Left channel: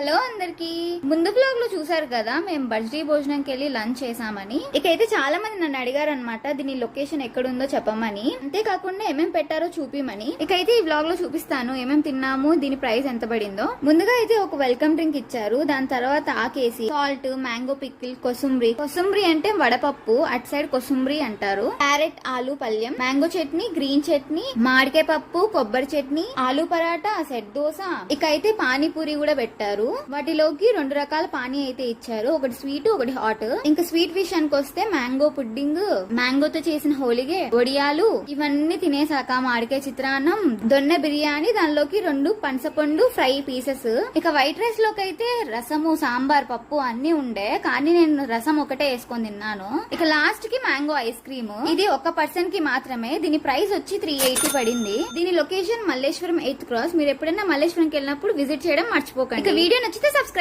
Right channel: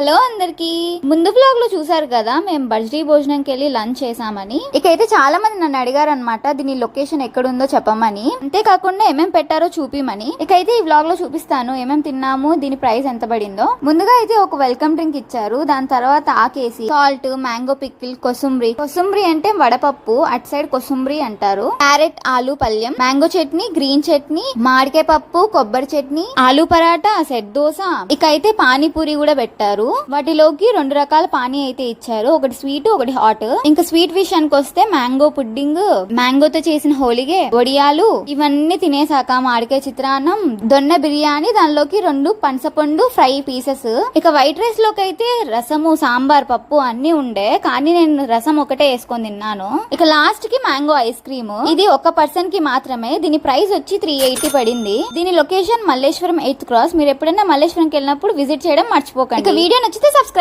Hello అందరికి, ముందు blog లో చూసారు కదా మేము బర్త్డే భోజనంకి వెళ్ళి లంచ్ చేసామని. ఇకైతే చాలా మంది నన్ను అడిగారు అనమాట దీని లొకేషన్ ఎక్కడుందో చెప్పమని, అంతేకాకుండా ఏమేం పెట్టారో చూపిమని. ఇకైతే ఈ బ్లాగ్ లో చూపిస్తాను ఏమేం తిన్నాము, దీని ప్రైస్ ఎంత పడిందో. ముందుగా అయితే ఒక వెల్కమ్ డ్రింక్ ఇచ్చారు, దాని తర్వాత ఆకేసి సాల్ట్, మ్యాంగో పిక్కిల్, కొసుంబ్రి అంటే వడపప్పు, అటు సైడ్ కొసుంబ్రి అంటారు. క్యారెట్ ఆలు పల్యం, మ్యాంగో చట్నీ, గ్రీన్ చట్నీ, మామిడికాయ పప్పు, కొబ్బరి చట్నీ, ఆలు పరాటా, సెట్ దోశ. ఇకైతే పానీపూరి కూడా పెట్టారు. వాటిలోకి 2 రకాల పానీ అయితే ఇచ్చారు, ఒకటి స్వీట్ ఒకటి హాట్. ఇంకా స్వీట్ విషయానికి వస్తే మ్యాంగో పుడ్డింగ్, మ్యాంగోతో చేసిన హోలిగే, వడియాలు, ఇవన్నీ తినేసాక మామిడికాయ చిత్రాన్నం, దొన్న బిర్యానీ, దానిలోకి 2 పనసపండు ఫ్రై పీసెస్. ఇక వైట్ రైస్ లోకి అయితే రసము, సాంబార్, పప్పు అన్ని ఉండే, కానీ నేను రసం ఒకటే వేసుకొని తిన్నాను. ఇక లాస్ట్ కి మ్యాంగో ఐస్ క్రీమ్, ఇది ఒక పర్సన్ కి మాత్రమే. దీని ప్రైస్ వచ్చి 380 పడింది. దీని లొకేషన్ మల్లేశ్వరం 8th క్రాస్. మీరు ఎప్పుడైనా మల్లేశ్వరంకి వెళ్ళినప్పుడు విజిట్ చేయడం మర్చిపోకండి. వీడియో నచ్చితే సబ్స్క్రైబ్.